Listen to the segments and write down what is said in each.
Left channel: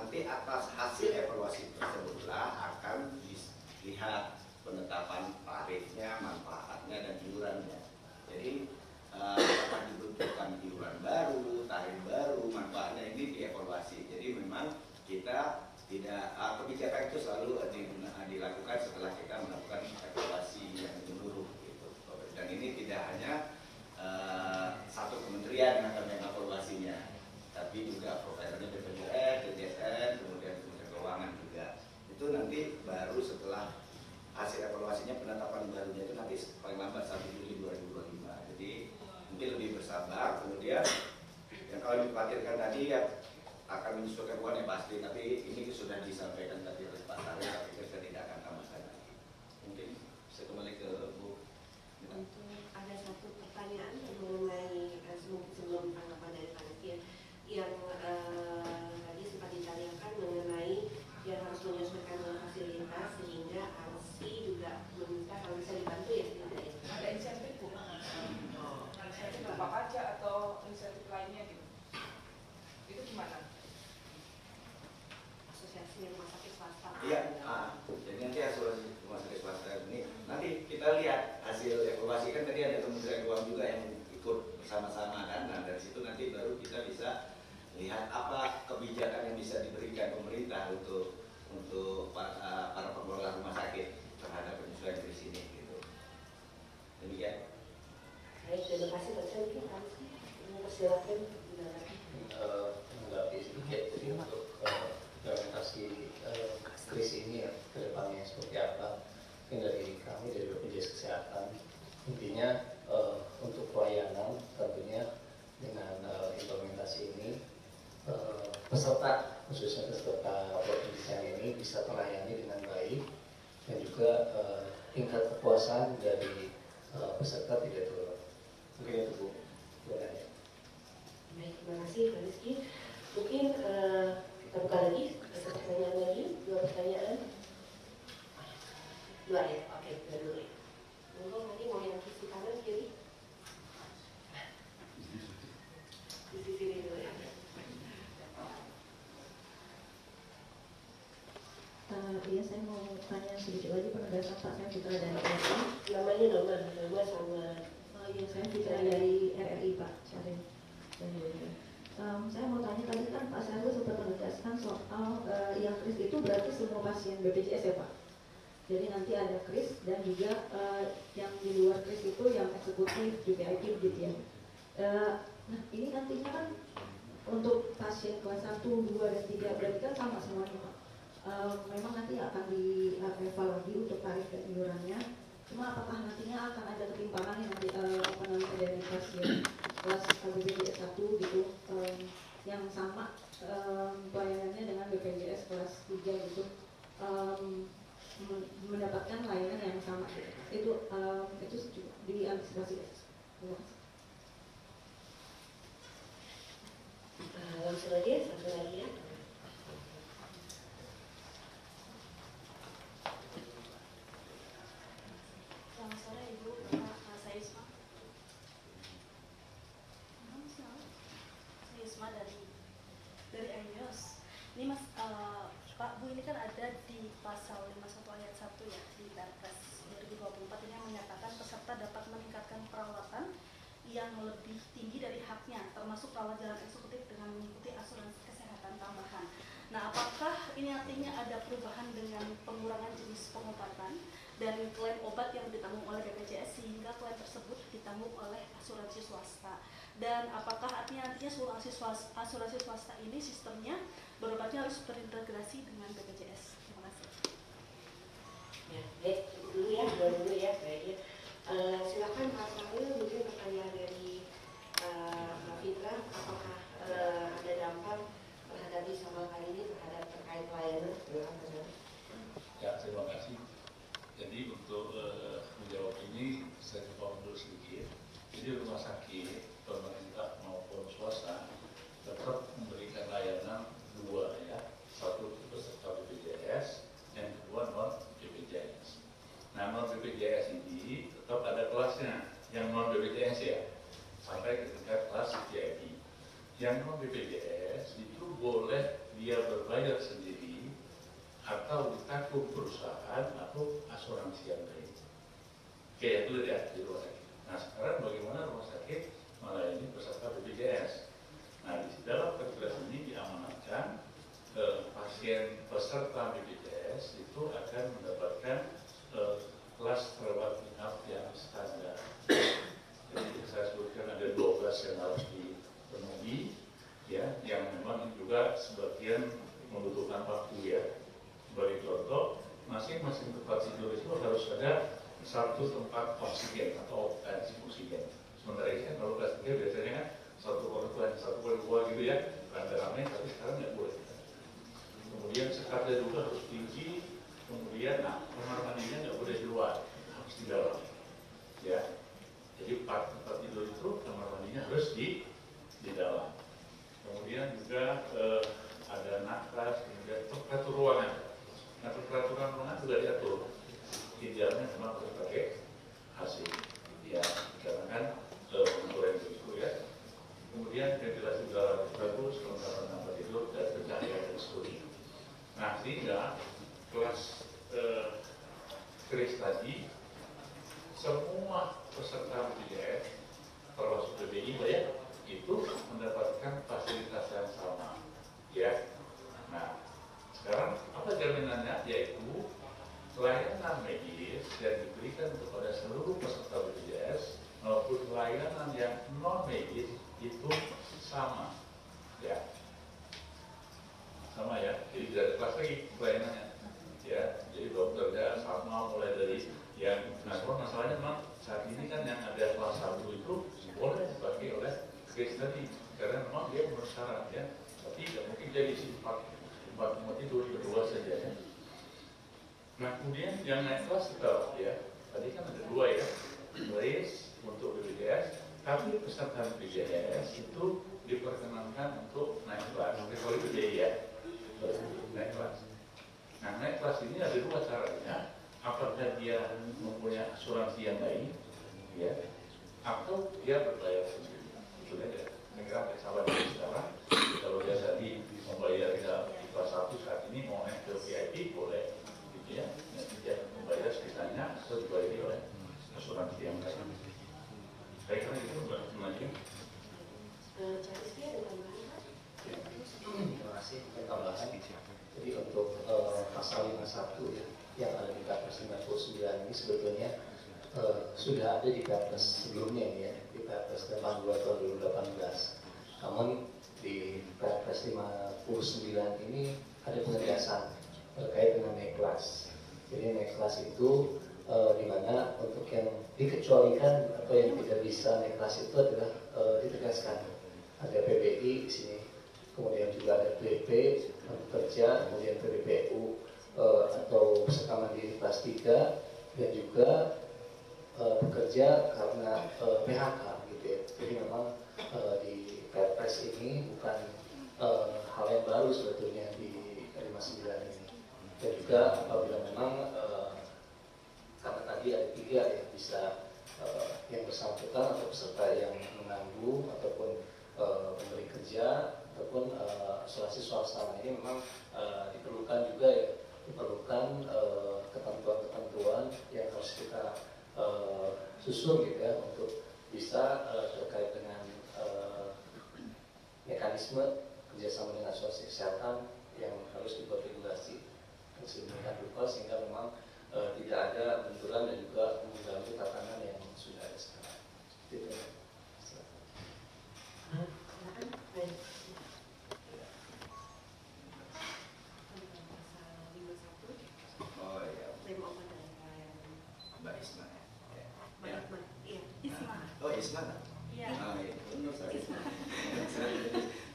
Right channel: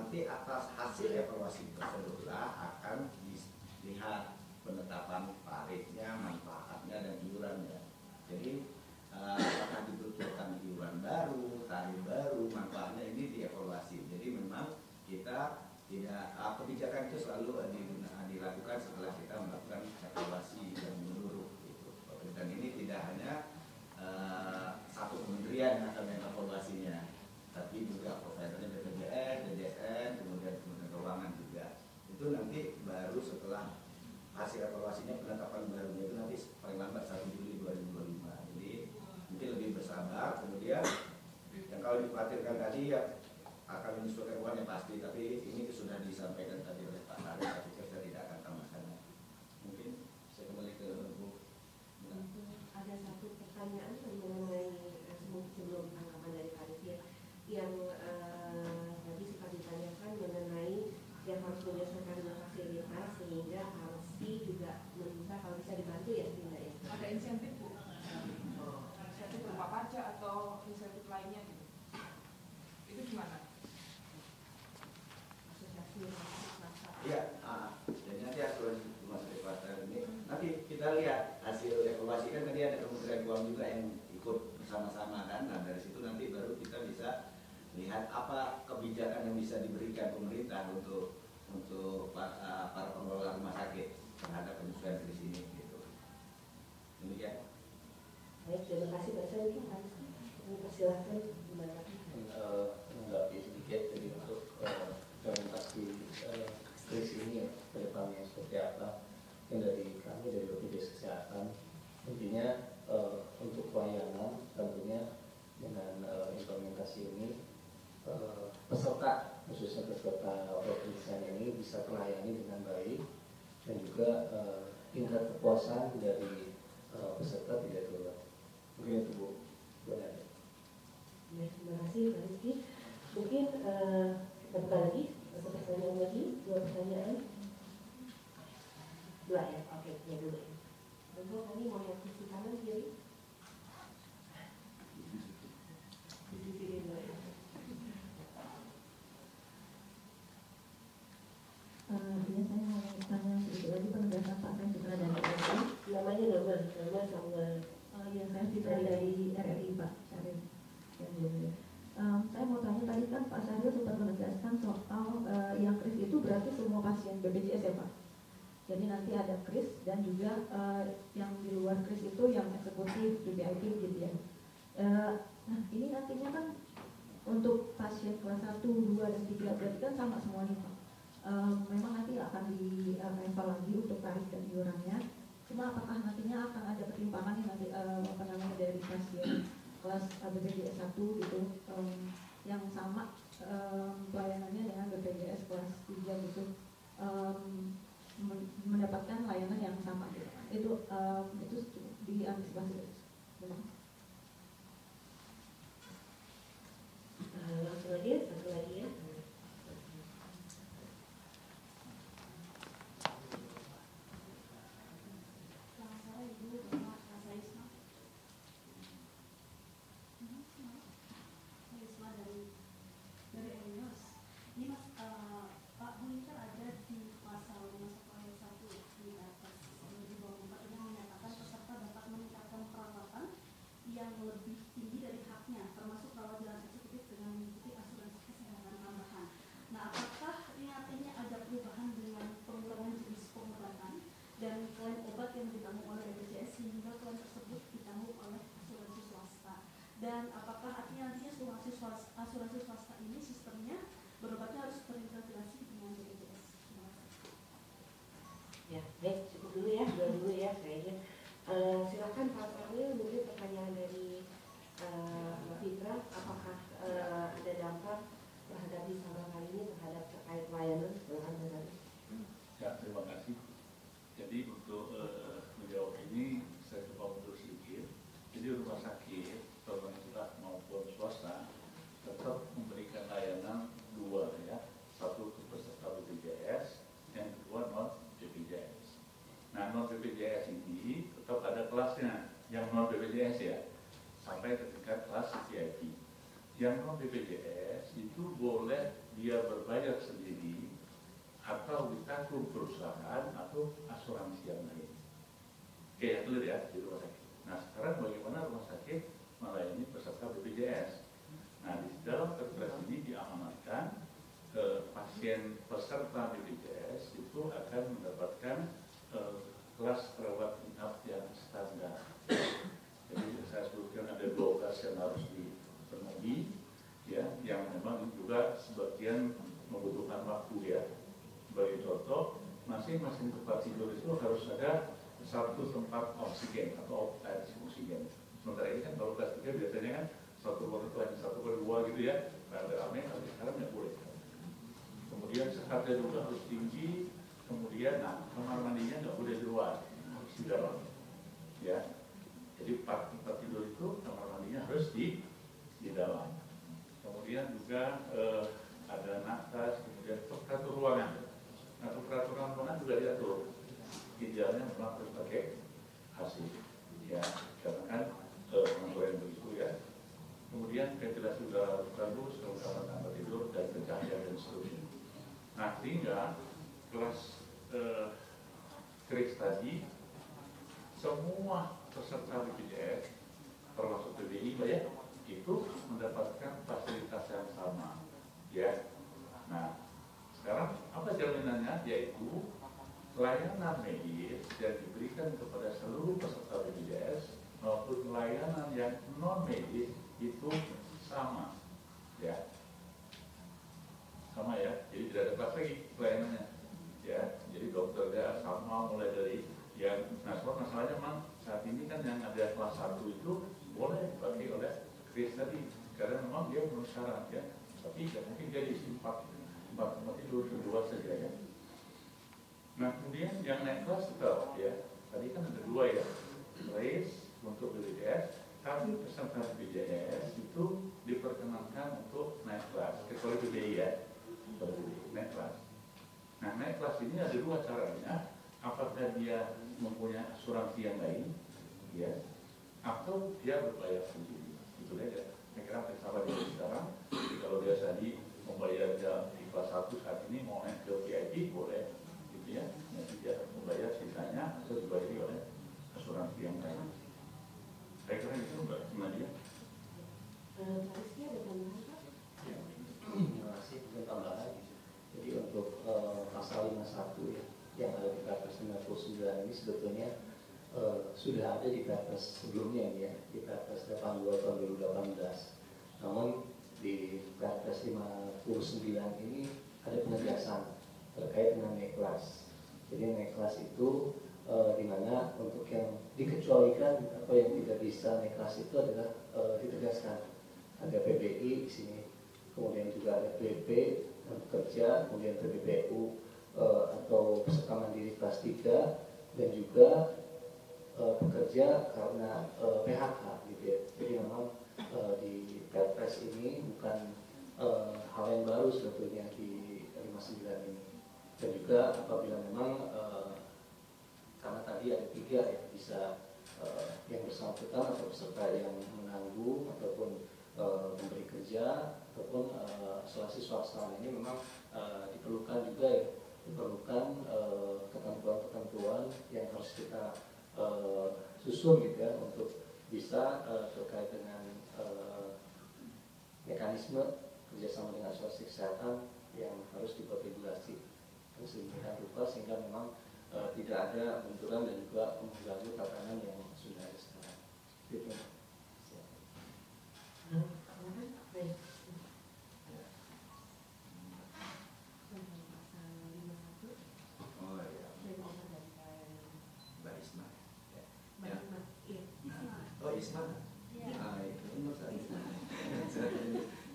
nanti atas hasil evaluasi tersebutlah akan dilihat penetapan tarifnya, manfaatnya, dan iurannya. Jadi apakah dibutuhkan iuran baru, tarif baru, manfaatnya ini dievaluasi. Jadi memang kita tidak, kebijakan itu selalu dilakukan setelah kita melakukan evaluasi yang menyeluruh gitu. Dan ini tidak hanya satu kementerian yang akan mengevaluasinya, tapi juga providernya BPJS, DJSN, kemudian Kementerian Keuangan juga. Itu nanti baru setelah hasil evaluasinya, penetapan barunya itu nanti paling lambat 1 Juli 2025. Jadi mungkin lebih bersabar. Kemudian yang kalau dikhawatirkan tadi ya akan menyesuaikan uang yang pasti, tapi ini sudah disampaikan tadi oleh Pak Tari, tapi saya tidak akan tambahkan lagi. Mungkin saya kembali ke Bu. Ada satu pertanyaan mengenai sebelum tanggapan dari panitia yang tadi sempat ditanyakan mengenai yang harus menyesuaikan dengan fasilitas, sehingga ARSI juga meminta kalau bisa dibantu ya Linda ya. Ada insentif Bu? Insentif berupa pajak atau insentif lainnya gitu? Itu gimana? Asosiasi rumah sakit swasta. Iya, jadi nanti asuransi rumah sakit swasta ini nanti kita lihat hasil evaluasi, kan tadi ada Kementerian Keuangan juga yang ikut bersama-sama kan. Nah dari situ nanti baru kita bisa lihat apa kebijakan yang bisa diberikan pemerintah untuk para pengelola rumah sakit terhadap penyesuaian kris ini gitu. Demikian. Baik, terima kasih Pak Sel. Persilakan. Menanggapi sedikit jadi untuk implementasi kris ini ya, ke depannya seperti apa. Yang dari kami dari BPJS Kesehatan intinya untuk pelayanan tentunya dengan implementasi ini peserta, khususnya peserta pendidikan ini bisa terlayani dengan baik, dan juga tingkat kepuasan dari peserta tidak turun. Mungkin itu Bu. Baik, terima kasih Pak Rizky. Mungkin kita buka lagi satu pertanyaan lagi, 2 pertanyaan. 2 ya, oke, 2 dulu ya. Monggo tadi mau yang sisi kanan kiri. Di sisi ini dulu ya. Iya, saya mau tanya sedikit lagi penegasan Pak. Saya Citra dari RRI. Namanya nomor sama. Iya, saya Citra dari RRI Pak Syarif. Saya mau tanya tadi kan Pak Syarif sempat menegaskan soal yang kris itu berarti semua pasien BPJS ya Pak. Jadi nanti ada kris dan juga yang di luar kris itu yang eksekutif, VIP gitu ya. Nah ini nantinya kan untuk pasien kelas 1, 2, dan 3 berarti kan sama semuanya Pak. Memang nanti akan dievaluasi lagi untuk tarif dan iurannya. Cuma apakah nantinya akan ada ketimpangan yang nanti dari pasien kelas BPJS 1 gitu yang sama pelayanannya dengan BPJS kelas 3 gitu, mendapatkan layanan yang sama gitu. Itu diantisipasi. Langsung aja, satu lagi ya. Selamat sore Ibu, saya Isma. Saya Isma dari Enios. Ini Mas, Pak Bu, ini kan ada di pasal 51 ayat 1 ya, di Perpres 2024 ini yang menyatakan peserta dapat meningkatkan perawatan yang lebih tinggi dari haknya, termasuk rawat jalan eksekutif dengan mengikuti asuransi kesehatan tambahan. Nah, apakah ini artinya ada perubahan dengan pengurangan jenis pengobatan dan klaim obat yang ditanggung oleh BPJS sehingga klaim tersebut ditanggung oleh asuransi swasta? Dan apakah artinya nantinya asuransi swasta ini sistemnya berobatnya harus terintegrasi dengan BPJS? Terima kasih. Ya, baik, cukup dulu ya, dulu ya kayaknya. Silakan Pak Fahil, mungkin pertanyaan dari Mbak Fitra, apakah ada dampak terhadap Isama kali ini terhadap terkait pelayanan? Ya, terima kasih. Jadi untuk menjawab ini saya coba mundur sedikit. Jadi rumah sakit pemerintah maupun swasta tetap memberikan layanan 2 ya, satu untuk peserta BPJS, yang kedua non BPJS. Nah, non BPJS ini tetap ada kelasnya, yang non BPJS ya, sampai ke tingkat kelas VIP. Yang non BPJS itu boleh dia berbayar sendiri atau ditanggung perusahaan atau asuransi yang lain. Kayak clear ya di rumah sakit. Nah sekarang bagaimana rumah sakit melayani peserta BPJS? Nah di dalam perpres ini diamanatkan pasien peserta BPJS itu akan mendapatkan kelas rawat inap yang standar. Jadi saya sebutkan ada 12 yang harus dipenuhi, ya, yang memang juga sebagian membutuhkan waktu ya. Bagi contoh, masing-masing tempat tidur itu harus ada satu tempat oksigen atau oksigen. Sementara ini kan kalau kelas 3 biasanya kan satu per dua gitu ya, rame-rame, tapi sekarang nggak boleh. Kemudian sekatnya juga harus tinggi, kemudian kamar mandinya nggak boleh di luar, harus di dalam. Ya, jadi tempat tidur itu kamar mandinya harus di dalam. Kemudian juga ada nakras, kemudian temperatur ruangan. Nah, peraturan ruangan juga diatur. Tidaknya memang harus pakai AC. Ya, karena kan pengaturan itu ya. Kemudian ventilasi udara bagus, kelengkapan tempat tidur dan pencahayaan dan seterusnya. Nah, sehingga kelas kris tadi semua peserta BPJS termasuk PBI ya, itu mendapatkan fasilitas yang sama. Ya. Nah, sekarang apa jaminannya? Yaitu layanan medis yang diberikan kepada seluruh peserta BPJS maupun layanan yang non medis itu sama, ya, sama ya. Jadi tidak ada kelas lagi layanannya, ya. Jadi dokternya sama mulai dari yang, nah kalau masalahnya memang saat ini kan yang ada kelas 1 itu boleh dipakai oleh case tadi karena memang dia bersyarat ya, tapi tidak mungkin dia diisi 4 tidur kedua saja ya. Nah kemudian yang naik kelas kita ya, tadi kan ada 2 ya, raise untuk BPJS, tapi peserta BPJS itu diperkenankan untuk naik kelas, kalau itu biaya naik kelas. Nah naik kelas ini ada 2 caranya, apakah dia mempunyai asuransi yang lain, ya, atau dia berbayar sendiri. Itu aja. Saya kira sama dengan sekarang, kalau dia tadi membayar di kelas 1 saat ini mau naik ke VIP boleh, gitu ya, yang tidak membayar sisanya atau dibayari oleh asuransi yang lain. Saya kira itu Mbak Nadia. Cariski ada tambahan Pak? Terima kasih. Tambahan. Jadi untuk pasal 51 ya, yang ada di Perpres 99 ini sebetulnya sudah ada di Perpres sebelumnya ini ya, di Perpres 82 tahun 2018. Namun di Perpres 59 ini ada penegasan terkait dengan naik kelas. Jadi naik kelas itu di mana untuk yang dikecualikan atau yang tidak bisa naik kelas itu adalah ditegaskan ada PBI di sini, kemudian juga ada PP kerja, kemudian PBPU atau peserta mandiri kelas 3 dan juga bekerja karena PHK gitu ya. Jadi memang di Perpres ini bukan hal yang baru sebetulnya di 59 ini. Dan juga apabila memang karena tadi ada 3 yang bisa yang bersangkutan atau peserta yang menangguh ataupun memberi kerja ataupun asuransi swasta ini memang diperlukan juga ya, diperlukan ketentuan-ketentuan yang harus kita susun gitu ya untuk bisa terkait dengan mekanisme kerjasama dengan asuransi kesehatan yang harus dibuat regulasi sedemikian rupa sehingga memang tidak ada benturan dan juga mengganggu tatanan yang sudah ada sekarang. Gitu. Oh ya, Mbak Isma. Ya. Oh Isma. Iya. Menurut saya.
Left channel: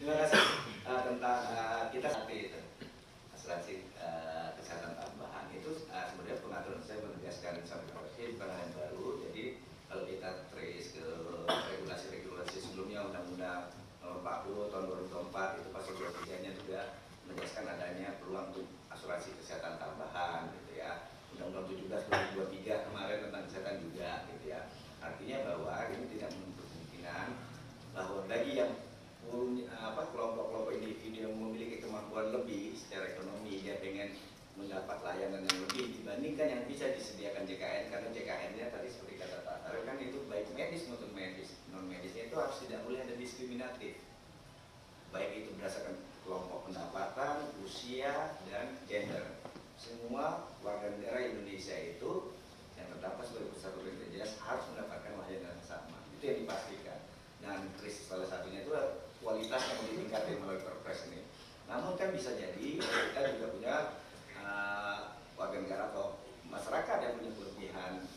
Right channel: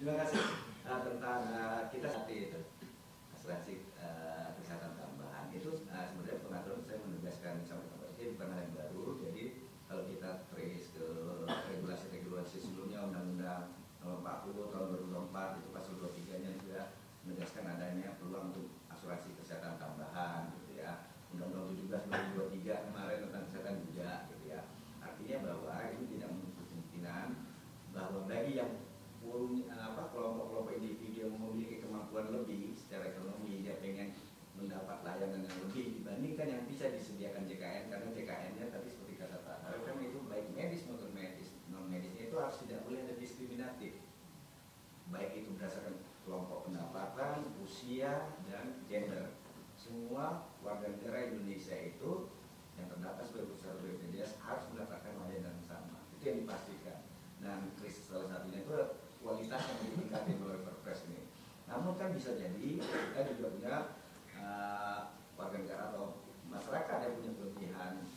Terima kasih tentang kita seperti itu asuransi kesehatan tambahan itu sebenarnya pengaturan saya menegaskan sampai pada bukan hal yang baru. Jadi kalau kita trace ke mendapat layanan yang lebih dibandingkan yang bisa disediakan JKN, karena JKN-nya tadi seperti kata Pak Tarif kan itu baik medis maupun medis, non medisnya itu harus tidak boleh ada diskriminatif, baik itu berdasarkan kelompok pendapatan, usia, dan gender. Semua warga negara Indonesia itu yang terdapat sebagai peserta BPJS harus mendapatkan layanan yang sama. Itu yang dipastikan. Dan salah satunya itu kualitas yang ditingkatkan melalui Perpres ini. Namun kan bisa jadi kita juga punya warga negara atau masyarakat yang punya kelebihan,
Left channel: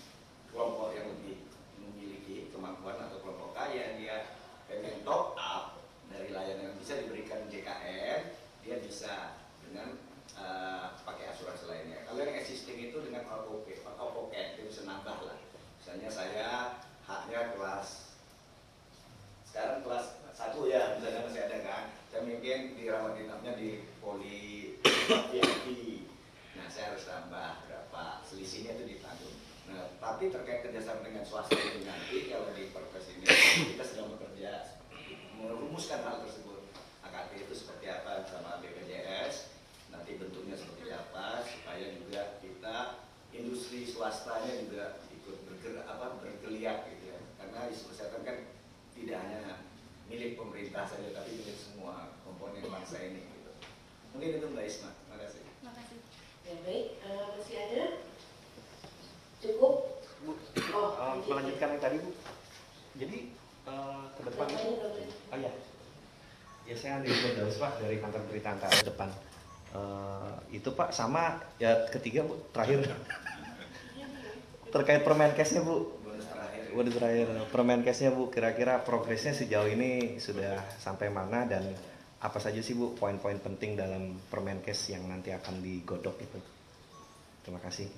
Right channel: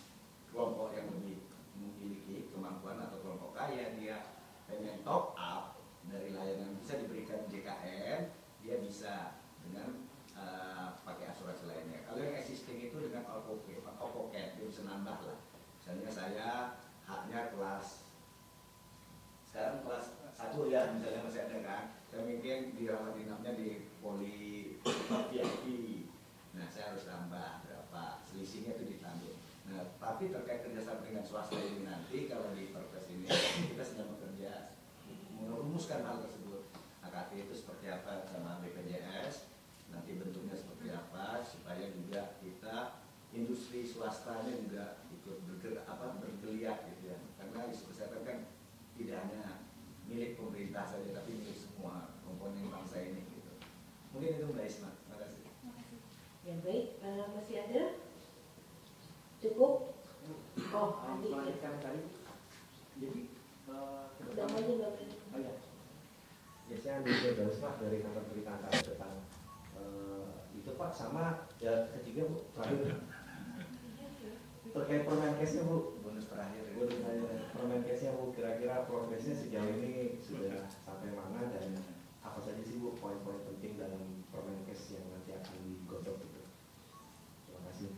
kelompok yang lebih memiliki kemampuan atau kelompok kaya, dia pengen top up dari layanan yang bisa diberikan JKN, dia bisa dengan pakai asuransi lainnya. Kalau yang existing itu dengan Alpoket, dia bisa nambah lah. Misalnya saya haknya sekarang kelas 1 ya, misalnya masih ada kan, saya mungkin dirawat inapnya di poli VIP. Nah, saya harus tambah berapa, selisihnya itu ditanggung. Nah, tapi terkait kerjasama dengan swasta itu nanti, kalau di Perpres ini kita sedang bekerja merumuskan hal tersebut. AKT itu seperti apa sama BPJS, nanti bentuknya seperti apa, supaya juga kita industri swastanya juga ikut bergeliat gitu ya. Karena isu kesehatan kan tidak hanya milik pemerintah saja, tapi milik semua komponen bangsa ini gitu. Mungkin itu Mbak Isma. Terima kasih. Terima kasih. Ya baik, masih ada? Cukup? Melanjutkan yang tadi Bu. Jadi ke depan. Oh iya. Ya saya dari Firdaus Pak dari kantor berita Antara depan. Itu Pak sama ya ketiga Bu terakhir terkait Permenkesnya Bu. Bonus terakhir Permenkesnya Bu, kira-kira progresnya sejauh ini sudah sampai mana dan apa saja sih Bu poin-poin penting dalam Permenkes yang nanti akan digodok itu? Terima kasih.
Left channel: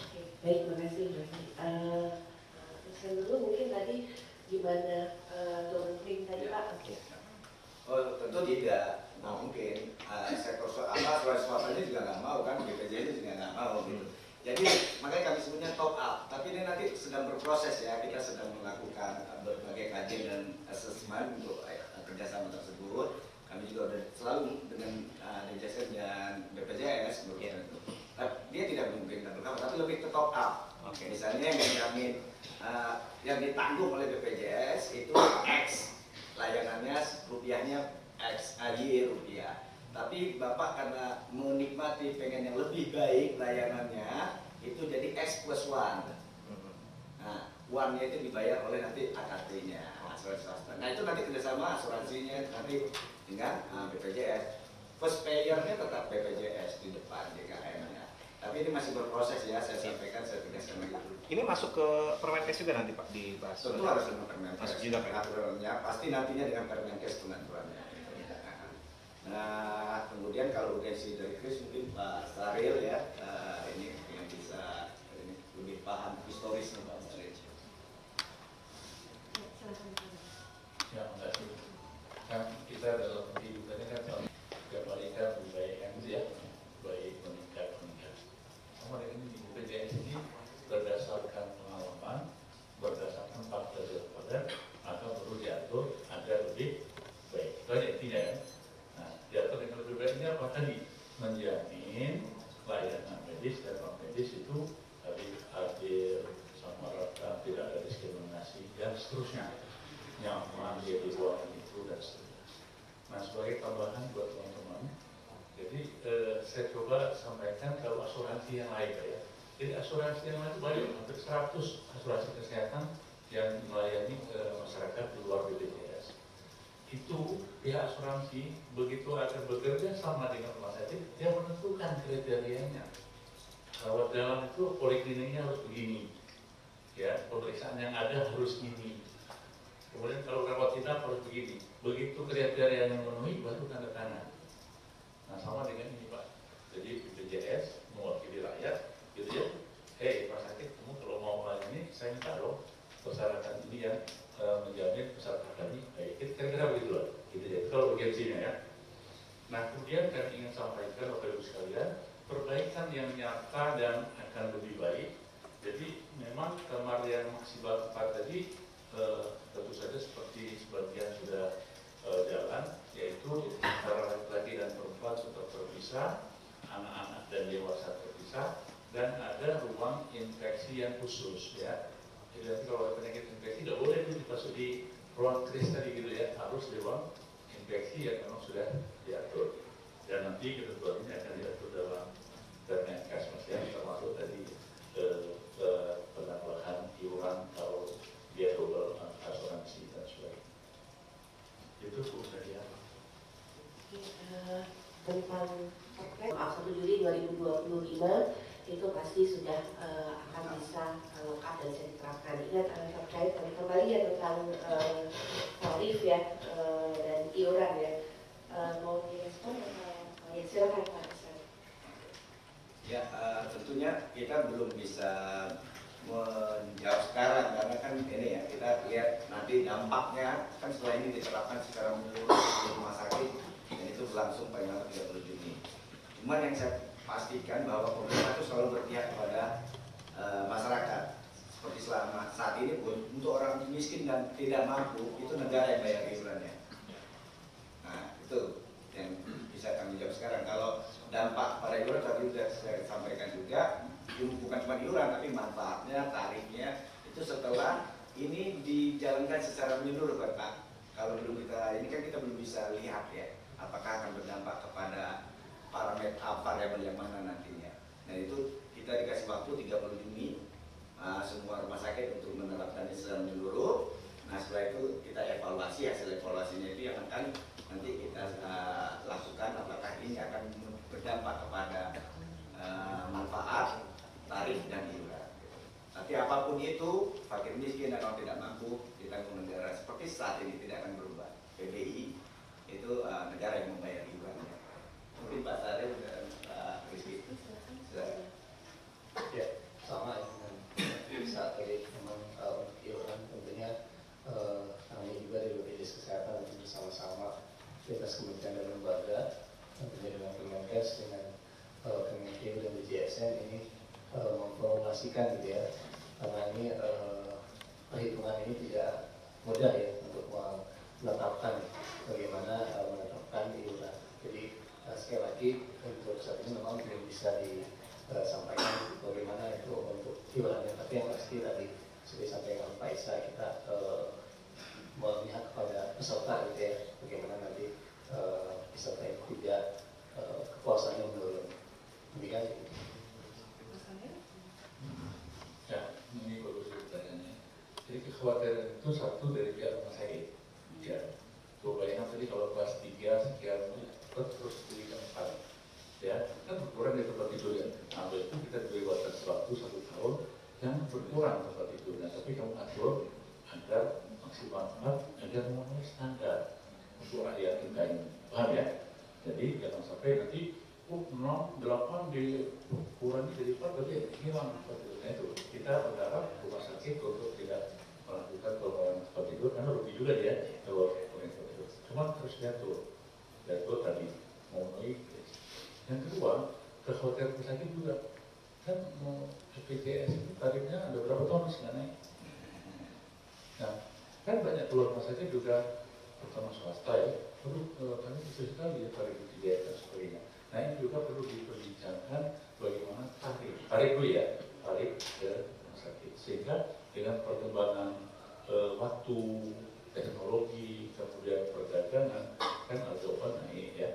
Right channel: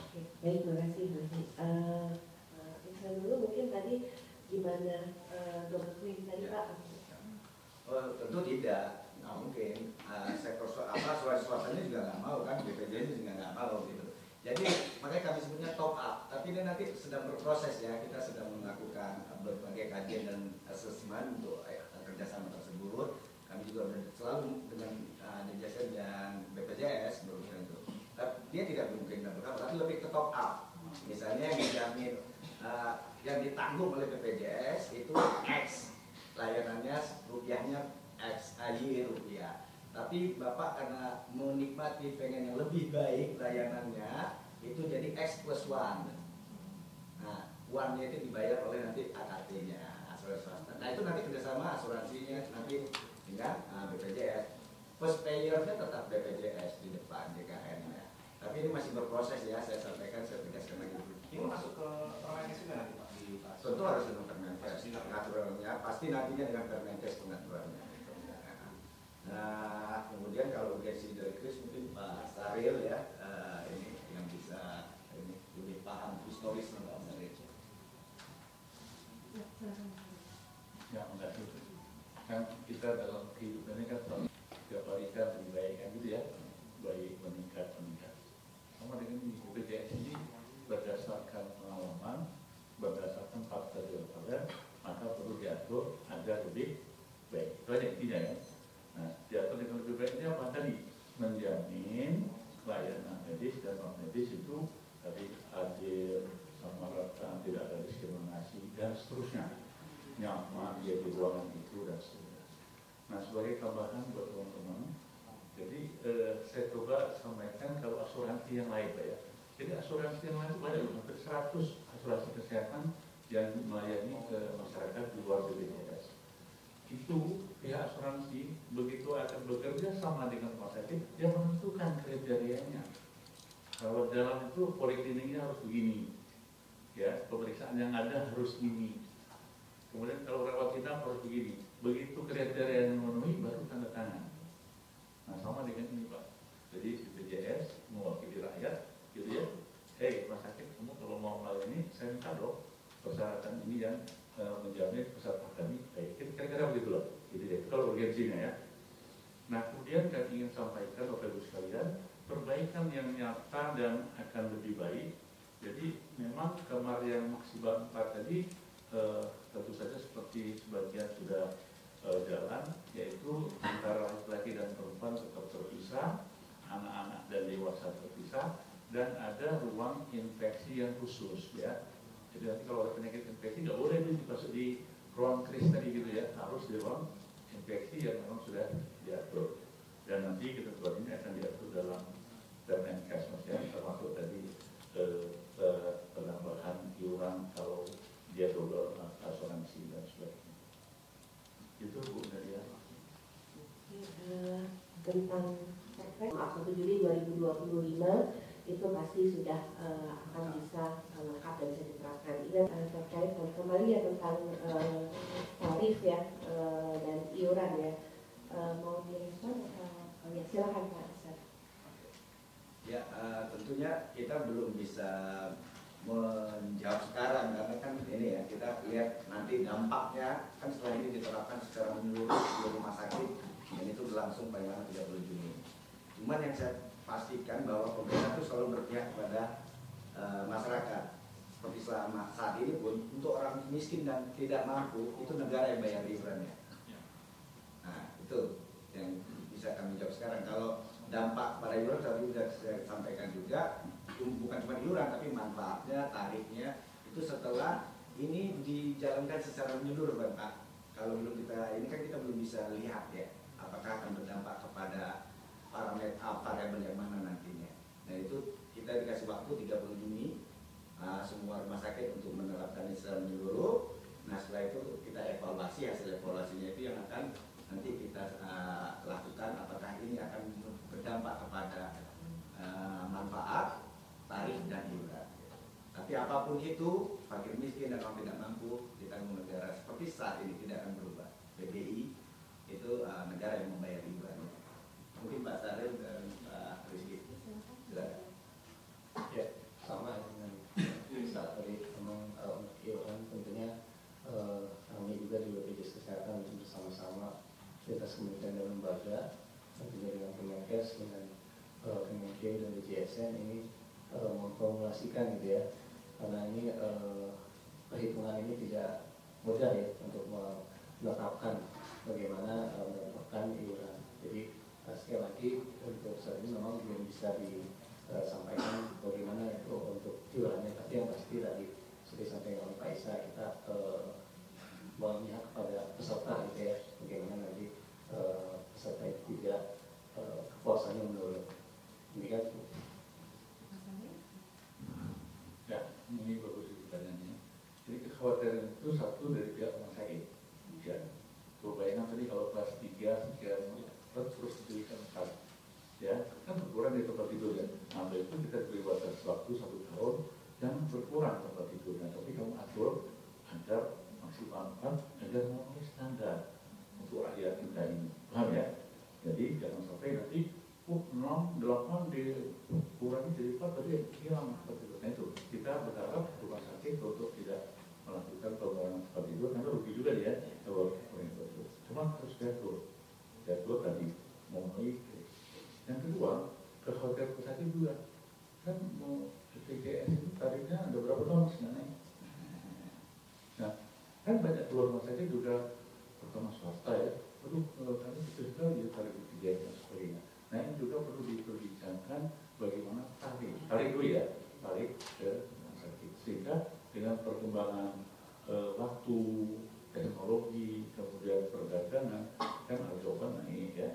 Oke, baik, terima kasih. Saya dulu mungkin tadi gimana Dr. Queen tadi Pak? Oh, tentu tidak. Nah, mungkin sektor swastanya juga nggak mau kan, BPJS juga nggak mau gitu. Jadi makanya kami sebutnya top up. Tapi ini nanti sedang berproses ya. Kita sedang melakukan berbagai kajian dan asesmen untuk kerjasama tersebut. Kami juga selalu dengan DJSN dan BPJS berusaha itu. Tapi dia tidak mungkin tapi lebih ke top up. Misalnya yang dijamin yang ditanggung oleh BPJS itu X, layanannya rupiahnya X, rupiah. Tapi Bapak karena menikmati pengen yang lebih baik layanannya, itu jadi X plus 1. Nah, 1-nya itu dibayar oleh nanti AKT-nya, asuransi swasta. Nah, itu nanti kerjasama asuransinya nanti dengan BPJS. First payer-nya tetap BPJS di depan JKN-nya. Tapi ini masih berproses ya, saya sampaikan, saya tegaskan lagi. Ini masuk ke Permenkes juga nanti Pak dibahas. Tentu harus dengan Permenkes. Masuk juga Pak. Aturannya pasti nantinya dengan Permenkes pengaturannya. Nah, kemudian kalau urgensi dari Kris mungkin Pak Saril ya, ini yang bisa ini lebih paham historisnya Pak Saril. Ya, enggak sih. Kan kita dalam kehidupannya kan tiap hari kan baik ya, baik meningkat. Sama dengan di BPJS ini berdasarkan pengalaman, berdasarkan fakta dan maka perlu diatur agar lebih baik. Itu aja intinya ya. Nah, diatur dengan lebih baik ini apa tadi? Menjamin layanan medis dan non medis itu tadi adil, sama rata, tidak ada diskriminasi dan seterusnya. Nyaman di ruangan itu dan seterusnya. Nah, sebagai tambahan buat teman-teman, jadi saya coba sampaikan kalau asuransi yang lain ya. Jadi asuransi yang lain banyak, hampir 100 asuransi kesehatan yang melayani ke masyarakat di luar BPJS. Itu pihak asuransi begitu akan bekerja sama dengan rumah sakit, dia menentukan kriterianya. Kalau jalan itu polikliniknya harus begini, ya pemeriksaan yang ada harus ini. Kemudian kalau rawat inap harus begini. Begitu kriteria yang memenuhi baru tanda tangan. Nah, sama dengan ini Pak. Jadi BPJS mewakili rakyat, gitu ya. Rumah sakit, kamu kalau mau melayani, saya minta dong persyaratan ini yang menjamin peserta kami baik. Kira-kira begitu loh. Gitu ya. Kalau urgensinya ya. Nah, kemudian kami ingin sampaikan Bapak Ibu sekalian, perbaikan yang nyata dan akan lebih baik. Jadi memang kamar yang maksimal 4 tadi tentu saja seperti sebagian sudah jalan, yaitu antara laki-laki dan perempuan tetap terpisah, anak-anak dan dewasa terpisah. itu pasti sudah akan bisa lengkap dan bisa diterapkan. Ingat terkait kembali ya tentang tarif ya dan iuran ya. Mau direspon? Ya silakan Pak. Ya, tentunya kita belum bisa menjawab sekarang karena kan ini ya, kita lihat nanti dampaknya kan setelah ini diterapkan secara menyeluruh di rumah sakit dan itu berlangsung paling lama 30 Juni. Cuman yang saya pastikan bahwa pemerintah itu selalu berpihak kepada masyarakat. Seperti selama saat ini pun untuk orang miskin dan tidak mampu itu negara yang bayar iurannya. Nah itu yang bisa kami jawab sekarang. Kalau dampak pada iuran tadi sudah saya sampaikan juga, bukan cuma iuran tapi manfaatnya, tarifnya itu setelah ini dijalankan secara menyeluruh Pak. Kalau dulu kita ini kan kita belum bisa lihat ya apakah akan berdampak kepada variabel yang mana nantinya. Dan itu kita dikasih waktu 30 Juni semua rumah sakit untuk menerapkan ini secara menyeluruh. Nah setelah itu kita evaluasi, hasil evaluasinya itu yang akan nanti kita lakukan apakah ini akan berdampak kepada manfaat, tarif dan iuran. Tapi apapun itu, fakir miskin dan orang tidak mampu ditanggung negara seperti saat ini tidak akan berubah. PBI itu negara yang membayar iurannya. Mungkin Pak Saril dan Pak Rizky. Silakan. Ya, sama ya dengan saat tadi memang iuran tentunya kami juga di BPJS Kesehatan bersama-sama lintas kementerian dan lembaga tentunya dengan Kemenkes dengan Kemenkim dan DJSN ini memformulasikan gitu ya, karena ini perhitungan ini tidak mudah ya untuk menetapkan bagaimana menetapkan iuran. Jadi sekali lagi untuk saat ini memang belum bisa disampaikan bagaimana itu untuk iurannya, tapi yang pasti tadi seperti disampaikan Pak Isa, kita memihak kepada peserta gitu ya, bagaimana nanti peserta itu tidak kepuasannya menurun. Demikian. Ya, ini bagus pertanyaannya. Jadi kekhawatiran itu satu dari pihak rumah sakit. Ya, bayangkan tadi kalau kelas 3 sekian terus diberikan 4. Ya, kan berkurang di tempat tidur ya. Nah, itu kita diberi batas waktu 1 tahun jangan berkurang tempat tidurnya, tapi kamu atur agar maksimal 4 agar memenuhi standar untuk rakyat kita ini. Paham ya? Jadi jangan sampai nanti 8 dikurangi jadi 4 berarti hilang tempat tidur. Nah itu kita berharap rumah sakit untuk tidak melakukan pengurangan tempat tidur karena rugi juga dia kalau pengurangan tempat tidur. Cuma harus diatur tadi memenuhi. Yang kedua, kekhawatiran rumah sakit juga kan mau BPJS itu tarifnya ada berapa tahun sih naik. Nah kan banyak keluar rumah sakit juga terutama swasta ya. Aduh, kami bisa sekali tarif BPJS dan sebagainya. Nah ini juga perlu diperbincangkan bagaimana tarif dulu ya, tarif ke rumah sakit. Sehingga dengan perkembangan waktu, teknologi, kemudian perdagangan, kan harga naik ya,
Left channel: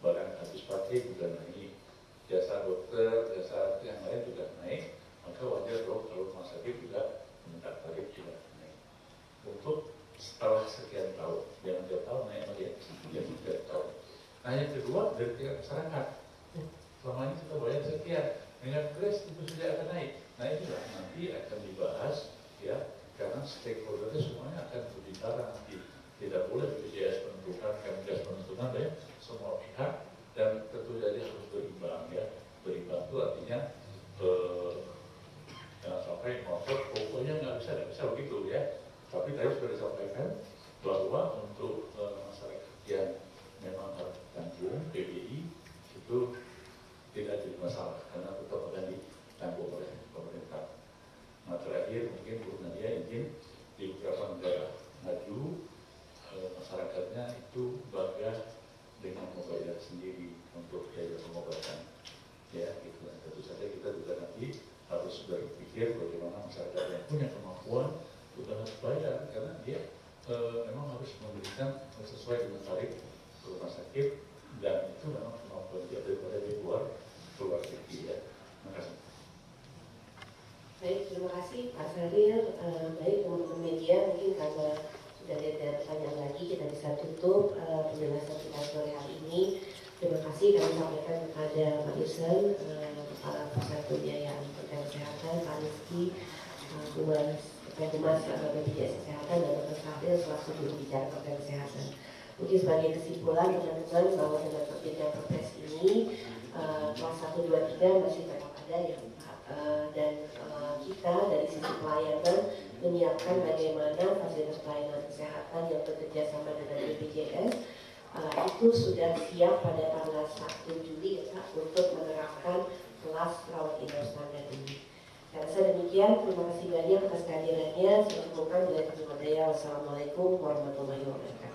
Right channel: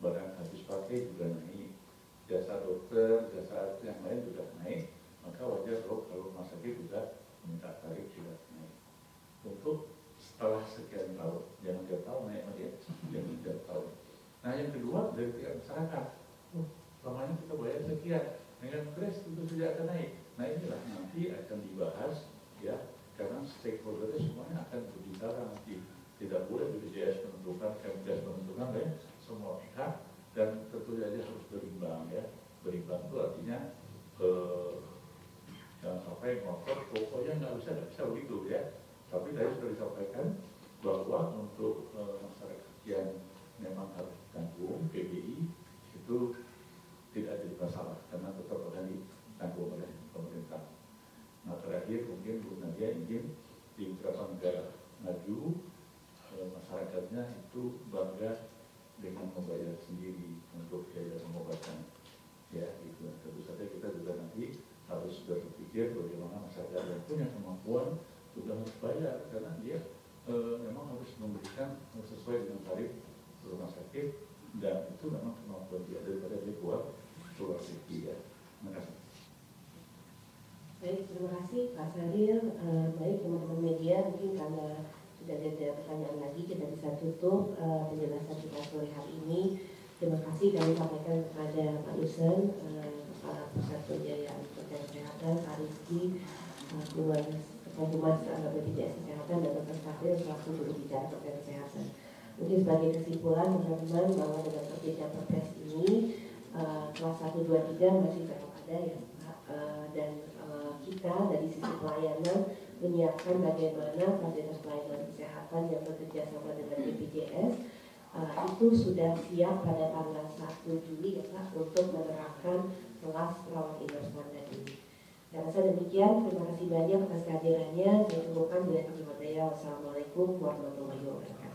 barang habis pakai juga naik, jasa dokter, jasa yang lain juga naik, maka wajar kalau rumah sakit juga minta tarif juga naik. Untuk setelah sekian tahun, jangan tiap tahun naik lagi, jangan tiap tahun. Nah yang kedua dari pihak masyarakat, selama ini kita bayar sekian, dengan kres itu sudah akan naik. Nah inilah nanti akan dibahas ya, karena stakeholdernya semuanya akan berbicara nanti. Tidak boleh BPJS menentukan, Kemenkes menentukan ya, semua pihak, dan tentu saja harus berimbang ya. Berimbang itu artinya jangan sampai ngotot, pokoknya nggak bisa begitu ya. Tapi tadi sudah disampaikan bahwa untuk masyarakat yang memang harus tanggung PBI itu tidak jadi masalah karena tetap akan ditanggung oleh pemerintah. Nah terakhir mungkin Bu Nadia ingin di beberapa negara maju masyarakatnya itu bangga dengan membayar sendiri untuk biaya pengobatan ya gitu. Tentu saja kita juga nanti harus berpikir bagaimana masyarakat yang punya kemampuan juga harus bayar karena dia memang harus memberikan sesuai dengan tarif rumah sakit dan itu memang kemampuan dia daripada dia buat rumah sakit ya. Terima kasih. Baik, terima kasih Pak Saril. Baik teman-teman media, mungkin karena sudah ada pertanyaan lagi kita bisa tutup penjelasan kita sore hari ini. Terima kasih kami sampaikan kepada Pak Yusen, Pak Pusat Pembiayaan Program Kesehatan, Pak Rizky, Humas BPJS Kesehatan, dan Dr. Fadil selaku juru bicara program kesehatan. Mungkin sebagai kesimpulan teman-teman bahwa dengan terbitnya Perpres ini kelas 1, 2, 3 masih tetap ada ya Pak, dan kita dari sisi pelayanan menyiapkan bagaimana fasilitas pelayanan kesehatan yang bekerja sama dengan BPJS itu sudah siap pada tanggal 1 Juli ya, untuk menerapkan kelas rawat inap standar ini. Saya rasa demikian, terima kasih banyak atas kehadirannya. Saya cukupkan dengan terima kasih. Wassalamualaikum warahmatullahi wabarakatuh.